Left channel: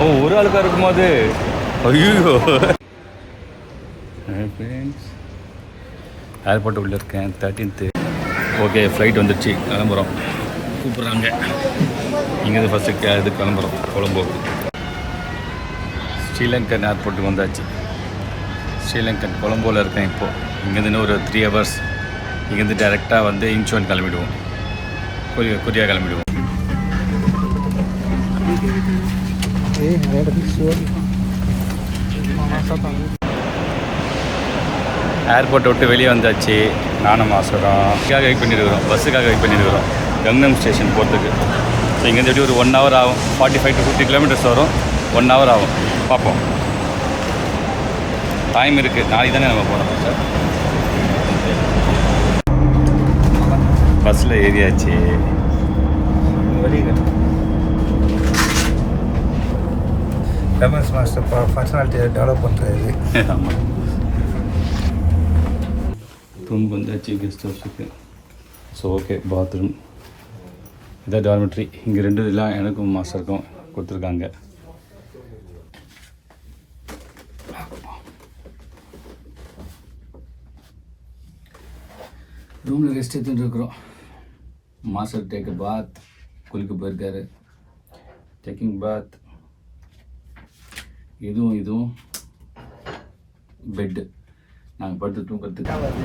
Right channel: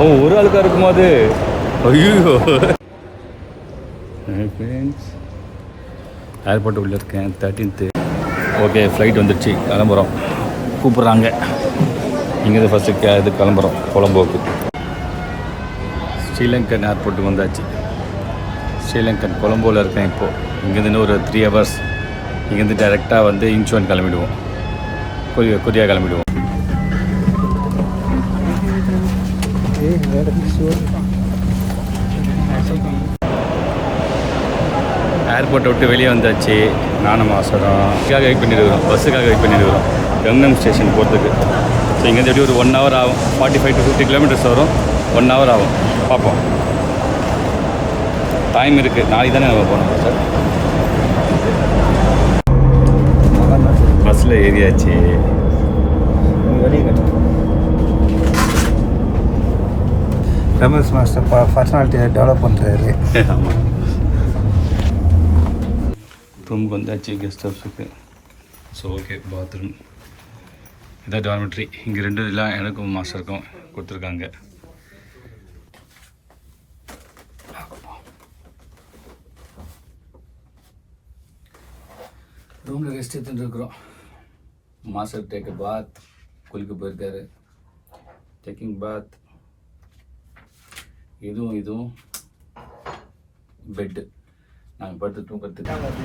ஓ ஒரு ஆளுக்காக இருக்கும்போது ஐயோ. ஃப்ரெண்ட்ஸ் ஏர்போர்ட் உள்ளே இருக்கேன் 13th. ஓகே ஃப்ளைட் வந்துடுச்சு, கிளம்புறோம். கூப்பிட்றாங்க இங்கேருந்து ஃபஸ்ட்டு இது கிளம்புறோம் கொலம்போவுக்கு. ஸ்ரீலங்கன் ஏர்போர்ட்டுக்கு வந்தாச்சு. ஸ்ரீலங்கன் கொலம்போவில் இருக்கேன் இப்போது. இங்கேருந்து ஒரு 3 hours. இங்கேருந்து டைரெக்டாக வந்து இன்ச்சுவன் கிளம்பிடுவோம், கொரியா கிளம்பிடுவோம். ஏர்போர்ட்டை விட்டு வெளியே வந்தாச்சு. நானும் மாசரம் வெயிட் பண்ணியிருக்கிறோம், பஸ்ஸுக்காக வெயிட் பண்ணியிருக்கிறோம் கங்னம் ஸ்டேஷன் போகிறதுக்கு. ஸோ இங்கேருந்து எப்படி ஒரு 1 hour ஆகும். 45 to 50 kilometers வரும். 1 hour ஆகும். பார்ப்போம், டைம் இருக்குது. நாளைக்கு தானே நம்ம போனோம் சார். பஸ்ஸில் ஏறியாச்சு. ரமேஷ் மாஸ்டர் பர்சனாலிட்டியை டெவலப் பண்ணுறாரு. ஆமாம். ரூமுக்கு வந்தாச்சு, கெஸ்ட் ஹவுஸுக்கு. ஸோ ஓகே, பாத்ரூம் இதான் டார்மெட்ரி. இங்கே 2 இதெல்லாம் எனக்கும் மாஸ்டருக்கும் கொடுத்துருக்காங்க. ரூமில் ரெஸ்ட் எடுத்துகிட்டு இருக்கிறோம். மாஸ்டர் டேக் பாத், குளிக்க போயிருக்காரு. டேக்கிங் பாத். இதுவும் பெட்டு. நாங்கள் படுத்து தூக்கிறதுக்கு.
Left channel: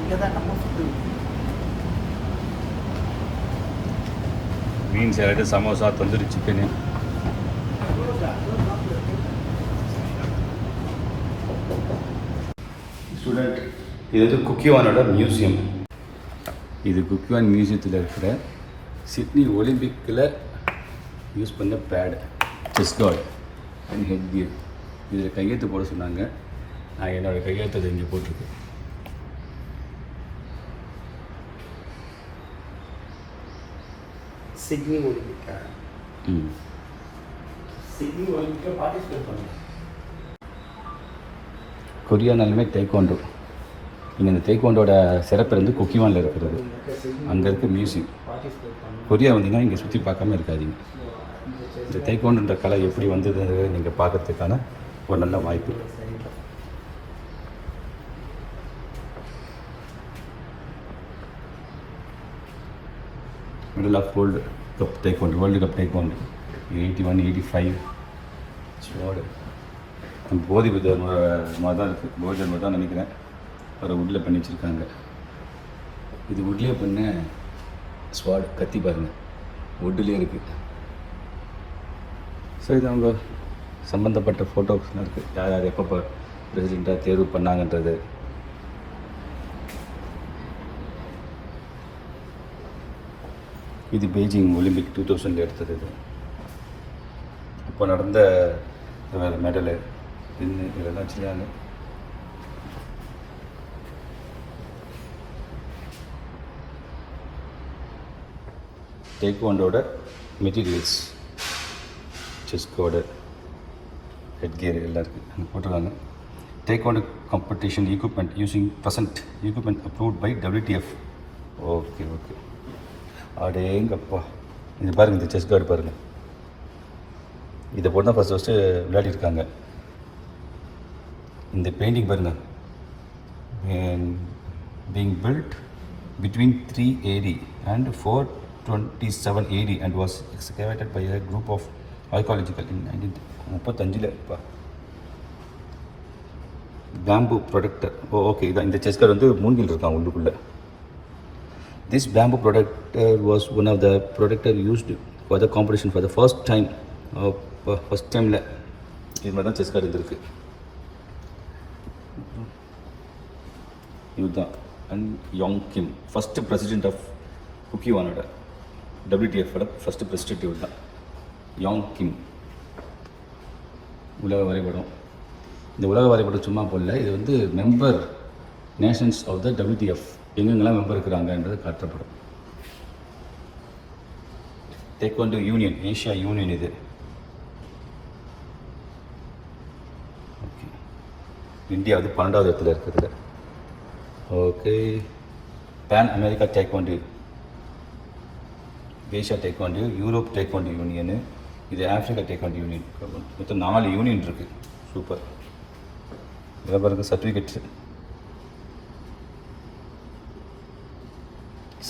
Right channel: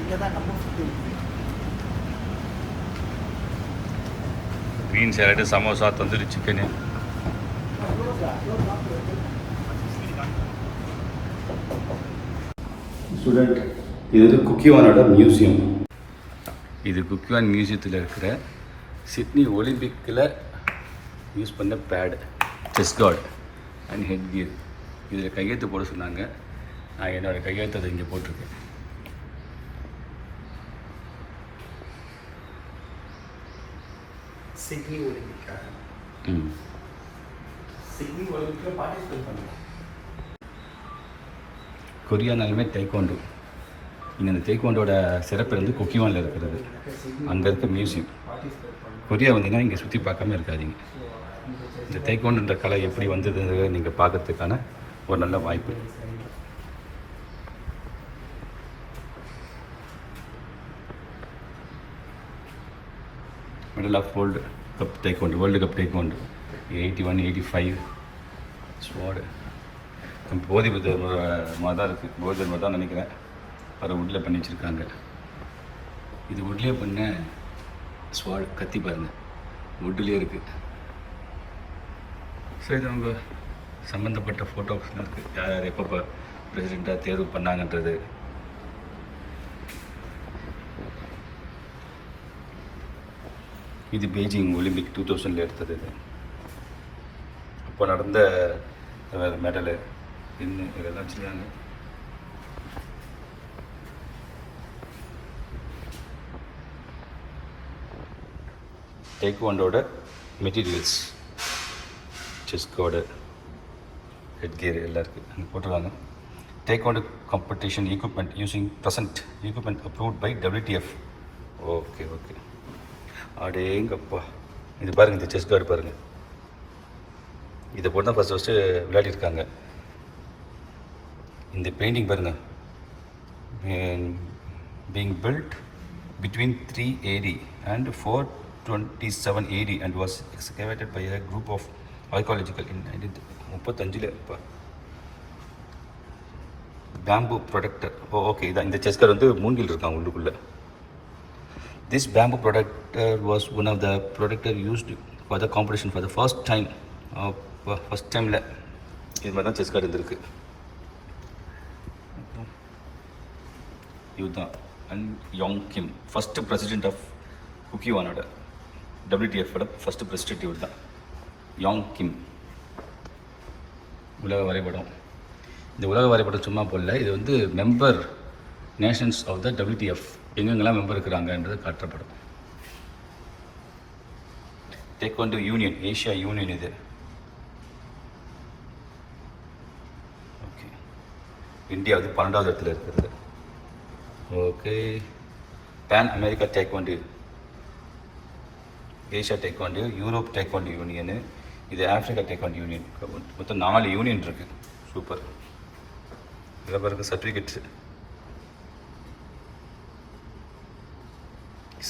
இங்கே தான் நம்ம food. Green salad, samosa, tandoori chicken. Student, இது வந்து குக்கிவானோட மியூசியம். இது குக்கிவான் மியூசியத்தில் இருக்கிற சிட்னி ஒலிம்பிக்கில் யூஸ் பண்ண pad, chest guard and head gear. இதில் கையெழுத்து போட சொன்னாங்க. நான் என்னோடய கையெழுத்து இங்கே போட்டிருக்கேன். சிட்னி ஒலிம்பிக்கா? சிட்னி ஒலிம்பிக்கில் பார்ட்டிசிபேட் பண்ணுங்க. கொரியானாலுமே தைக்கோண்டோ. இங்கே அந்த தைக்கோண்டோட சிறப்பு வந்து குக்கிவானில் இருக்கிறது. அங்கே இருக்க மியூசியம். கொரியா வந்தீங்கன்னா இங்கே சுற்றி பார்க்காம இருக்காதீங்க. இந்த தைக்கோண்டுன்ற கலை எப்படி வந்ததுன்னு நீங்கள் பார்க்கறதுக்கான ஒரு நல்ல வாய்ப்பு. Middle of world cup taekwondo, world cup taekwondo 81, 85 ஸ்வாடு. போதி புத்தர் தான் இருக்குது. போதி தான் நினைக்கிறேன். அதை வுட்டில் பண்ணி வச்சுருக்காங்க. இது வுட்லேயே பண்ண ஸ்வாடு, கத்தி பாருங்கள், வுட்லேயே இருக்குது. ஸோ இது அவங்க சம்மந்தப்பட்ட ஃபோட்டோஸ்லாம் இருக்குது. யார் யார் எப்போ பிரசிடெண்ட்டை தேர்வு பண்ணாங்கன்றது. இது பெய்ஜிங் ஒலிம்பிக் 2000 எடுத்தது. அப்போ நடந்த மெடலு இன்னும் இதெல்லாம் வச்சுருக்காங்க. டேக்வாண்டோட materials, chest guard, head gear எல்லாம் இருக்குது அங்கே போட்டிருக்காங்க. Taekwondo competition equipment using present equipment approved by WTF. Okay okay. அடேங்கப்பா, இது பாருங்கள், இந்த செஸ் கார்டு பாருங்கள். இதை போட்டு தான் ஃபஸ்ட்டு விளையாடிருக்காங்க. இந்த பெயிண்டிங் பாருங்கள், being built between 3 AD and 427 AD and was excavated by a group of archaeological in 1935. Bamboo protector. Okay, இதான் இந்த செஸ் கார்டு வந்து மூங்கில் இருக்காங்க உள்ளுக்குள்ளே. This bamboo protector was one of the protector used for the competition for the first time. First timeல இது மாதிரி தான் chess கார்டு இருந்திருக்கு. இதுதான் Un Yong Kim, first president of குக்கிவானோட WTF-ஓட ஃபஸ்ட்டு பிரசிடென்ட் இவர் தான், யோங் கிம். உலக வரைபடம். இந்த உலக வரைபடம் சும்மா போடல, இது வந்து member nations of the WTF எங்கெங்கெல்லாம் மெம்பர் இருக்கிறாங்கன்றது காட்டப்படும். டேக்வாண்டோ யூனியன், ஏஷியா யூனியன் இது. ஓகே, இந்தியா வந்து 12வது இடத்துல இருக்குது. Okay, Pan America taekwondo, Asia taekwondo, Europe taekwondo union, இது ஆஃப்ரிக்கா டேக்வாண்டோ யூனியன். மொத்தம் 4 யூனியன் இருக்குது. சூப்பர். இதில் பாருங்க சர்டிஃபிகேட்ஸு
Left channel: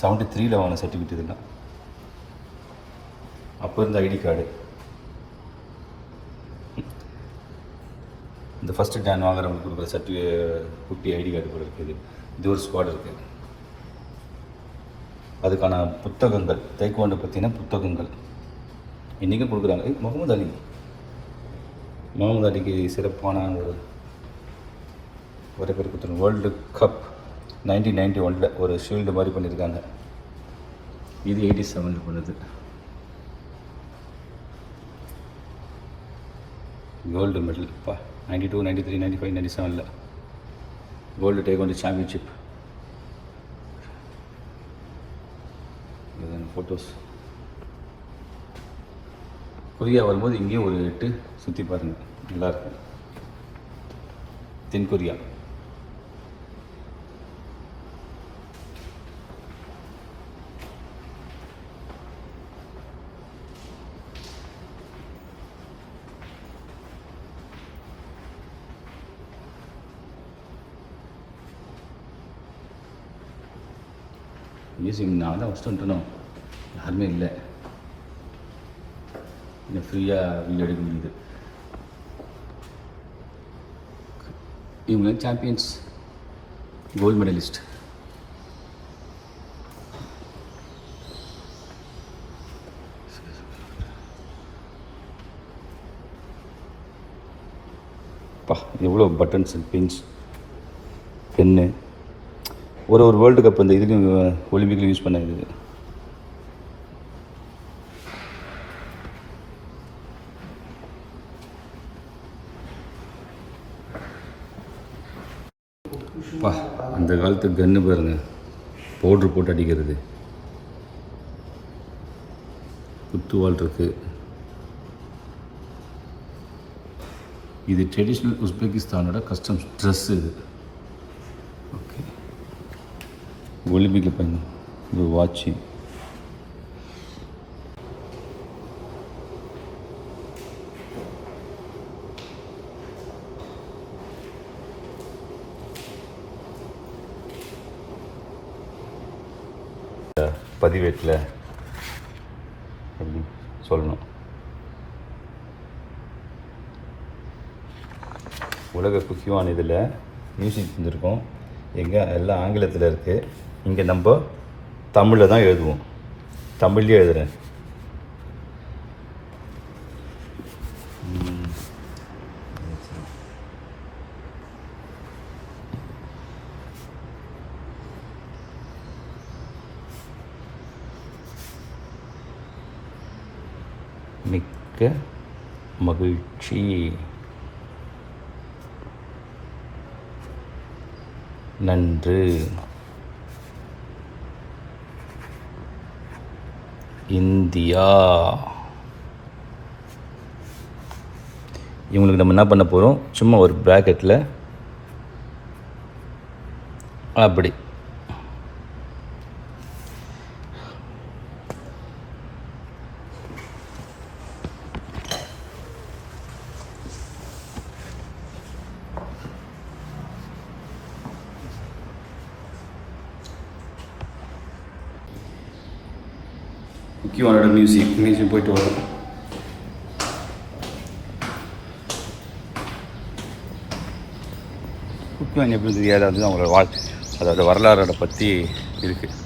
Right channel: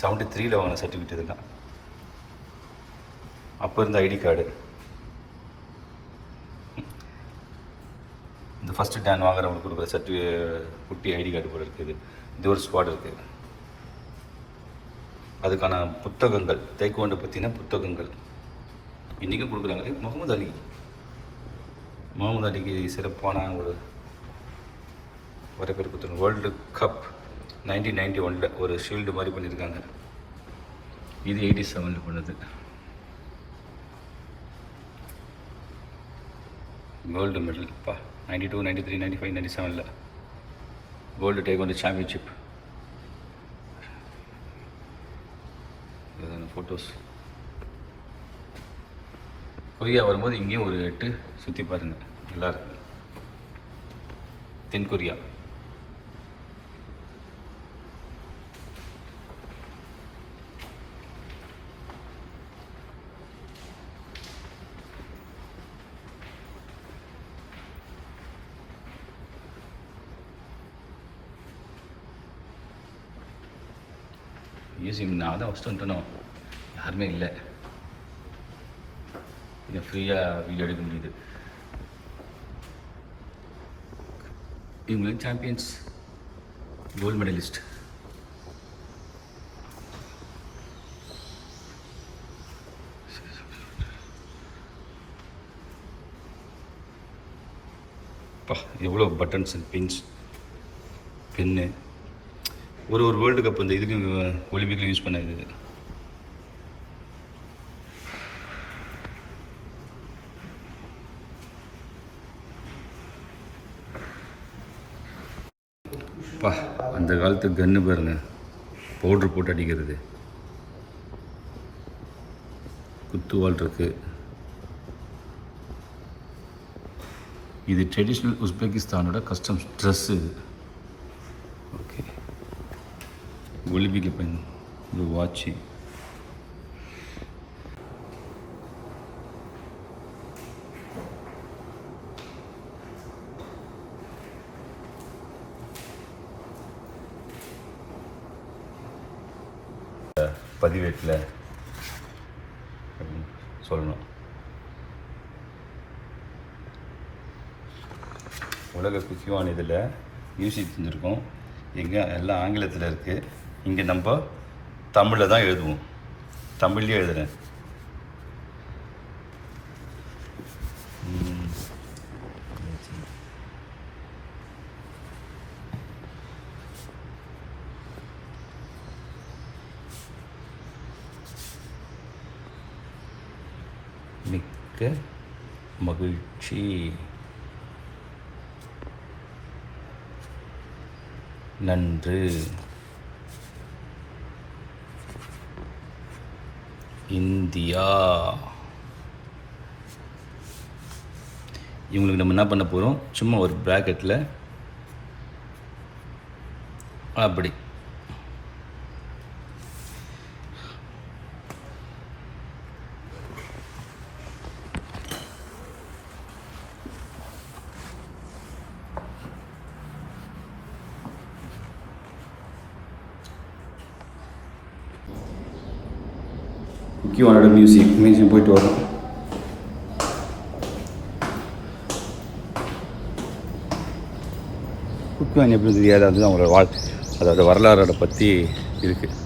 73 வாங்கின சர்டிஃபிகேட். இதெல்லாம் அப்போ இருந்த ஐடி கார்டு. இந்த ஃபஸ்ட்டு டேன் வாங்குறவங்க கொடுக்குற குட்டி ஐடி கார்டு கூட இருக்குது. இது ஒரு ஸ்குவாட் இருக்குது. அதுக்கான புத்தகங்கள், தைக்வாண்டோ பற்றின புத்தகங்கள் இன்றைக்கும் கொடுக்குறாங்க. முகமது அலிக்கு சிறப்பான ஒரு பேர் கொடுத்துருங்க. வேர்ல்டு கப் 1991 ஒரு ஷீல்டு மாதிரி பண்ணியிருக்காங்க. இது 87 பண்ணது. Gold medal 92, 93, 95, 97 gold taekwondo championship. Photos. Korea வரும்போது இங்கேயும் ஒரு 8 சுற்றி பாருங்கள், நல்லாயிருக்கும். தென் கொரியா. நான் தான் ஃபஸ்ட்டு வந்துட்டணும், யாருமே இல்லை. இங்கே ஃப்ரீயாக வீடியோ எடுக்க முடியுது. இவங்க சாம்பியன்ஸ், கோல்டு மெடலிஸ்ட். எவ்வளோ பட்டன்ஸ், பின்ஸ், பென்னு. ஒரு வேர்ல்டு கப் அந்த இதுக்கு ஒலிம்பிக்கில் யூஸ் பண்ண இது. அந்த காலத்து கன்று பாருங்க, பவுட்ரு போட்டு அடிக்கிறது. குத்துவால் இருக்கு. இது ட்ரெடிஷ்னல் உஸ்பெகிஸ்தானோட கஸ்டம்ஸ் ட்ரெஸ்ஸு இது. ஓகே, ஒலிம்பிக்கில் பயணம். இது வாட்சி. பதிவேட்டில் எப்படி சொல்லணும். உலக குக்கிவான இதில் மியூசிக் செஞ்சுருக்கோம். எங்கே எல்லாம் ஆங்கிலத்தில் இருக்குது. இங்கே நம்ம தமிழில் தான் எழுதுவோம். தமிழ்லேயே எழுதுகிறேன். மிக்க மகிழ்ச்சி. நன்று. இந்தியா. இவங்களுக்கு நம்ம என்ன பண்ண போகிறோம், சும்மா ஒரு ப்ராக்கெட்டில் அப்படி குக்கிவானோட மியூசியம் போயிட்டு வரோம். குக்கிவான் எப்படி தெரியாது, அது அவங்களோட அதோட வரலாறோட பற்றி இருக்குது.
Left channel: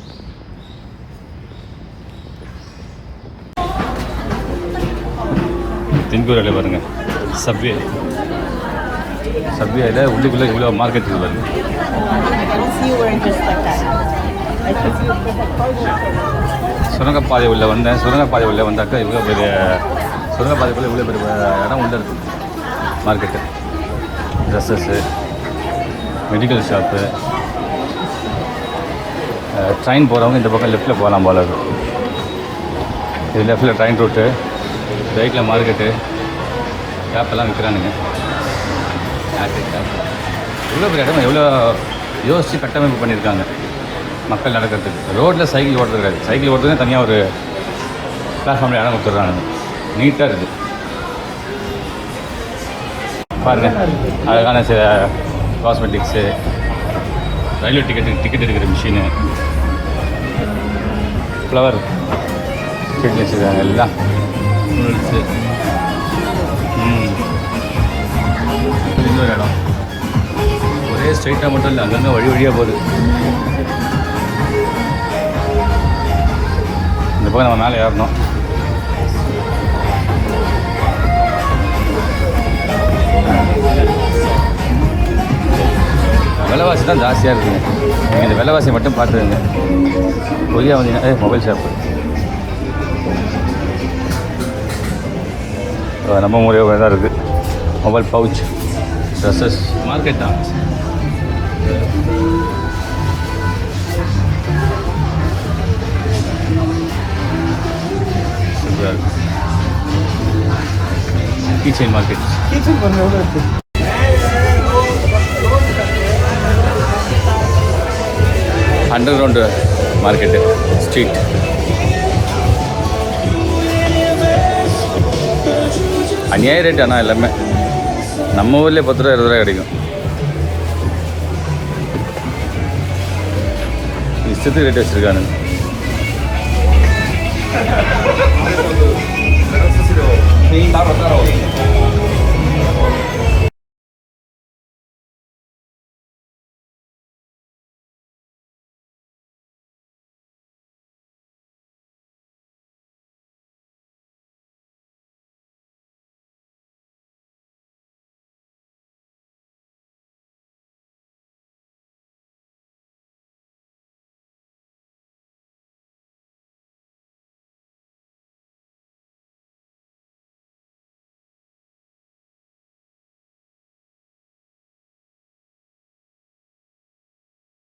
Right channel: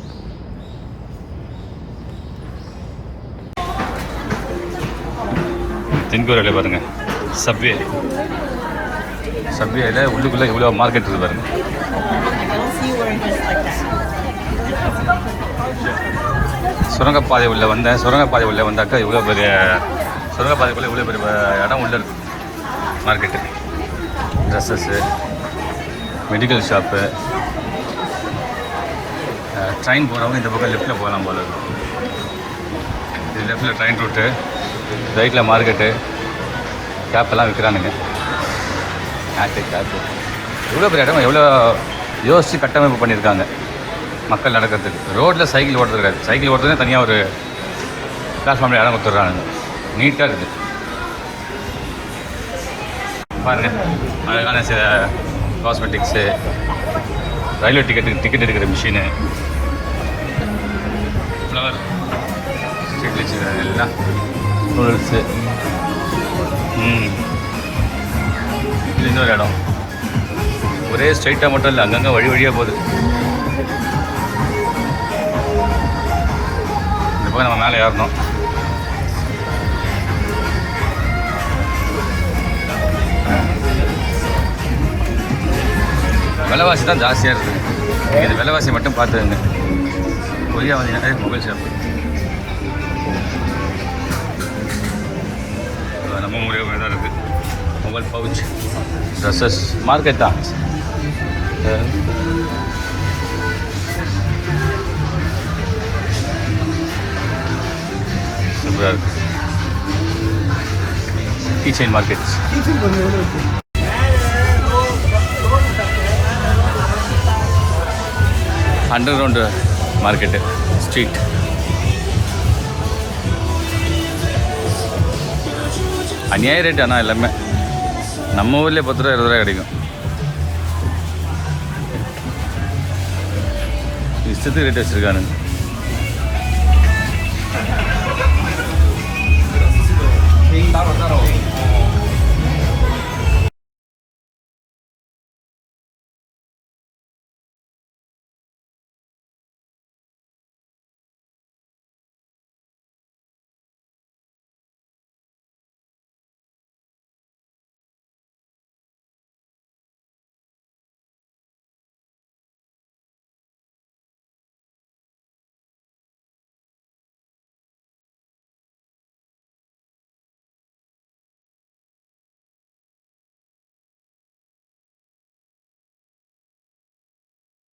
தென்கொரியாவில் பாருங்கள், சப்வேயில் உள்ளுக்குள்ளே இவ்வளோ மார்க்கெட் பாருங்கள். சுரங்கப்பாதை உள்ள வந்தாக்கா இவ்வளோ பெரிய சுரங்கப்பாதைக்குள்ளே இவ்வளோ பெரிய இடம் உள்ள இருக்குது. Market, dresses, medical shop. Train போகிறவங்க இந்த பக்கம் லெஃப்ட்டில் போகலாம் போல இருக்கும். இது லெஃப்ட்டில் ட்ரெயின் ரூட்டு, ரைட்டில் மார்க்கெட்டு. கேப்பெல்லாம் விற்கிறானுங்க. கேப்பு எவ்வளோ பெரிய இடம், எவ்வளோ யோசித்து கட்டமைப்பு பண்ணியிருக்காங்க மக்கள் நடக்கிறதுக்கு. ரோட்டில் சைக்கிள் ஓட்டுறது கிடையாது. சைக்கிள் ஓட்டுறதுனா தனியாக ஒரு பிளாட்ஃபார்மில் இடம் கொடுத்துட்றாங்க. நீட்டாக இருக்குது பாருங்க. அழகான சில காஸ்மெட்டிக்ஸு, ரயில்வே டிக்கெட் எடுக்கிற மிஷினு, ஃப்ளவர் செடி வச்சுருக்காங்க எல்லாம், நூடுல்ஸு. இது இன்னொரு இடம். ஒரே ஸ்ட்ரைட்டாக மட்டும் இல்லை, அங்கங்கே வழியாக போகுது. இந்த பக்கம் நம்ம மேலே ஏறணும். விலைவாசி தான் ஜாஸ்தியாக இருக்குது. நீங்கள் இந்த விலைவாசியை மட்டும் பார்த்துருங்க. கொரியா வந்தீங்கன்னா மொபைல் ஷாப் நம்ம முறையாக தான் இருக்குது. மொபைல் பவுச், ட்ரெஸ்ஸஸ், மார்க்கெட் தான். Keychain market. Under ground market, street. அநியாய ரேட். ஆனால் எல்லாமே நம்ம ஊர்லேயே 10 ரூபா 20 ரூபா கிடைக்கும். இஷ்டத்துக்கு ரேட் வச்சுருக்கானுங்க.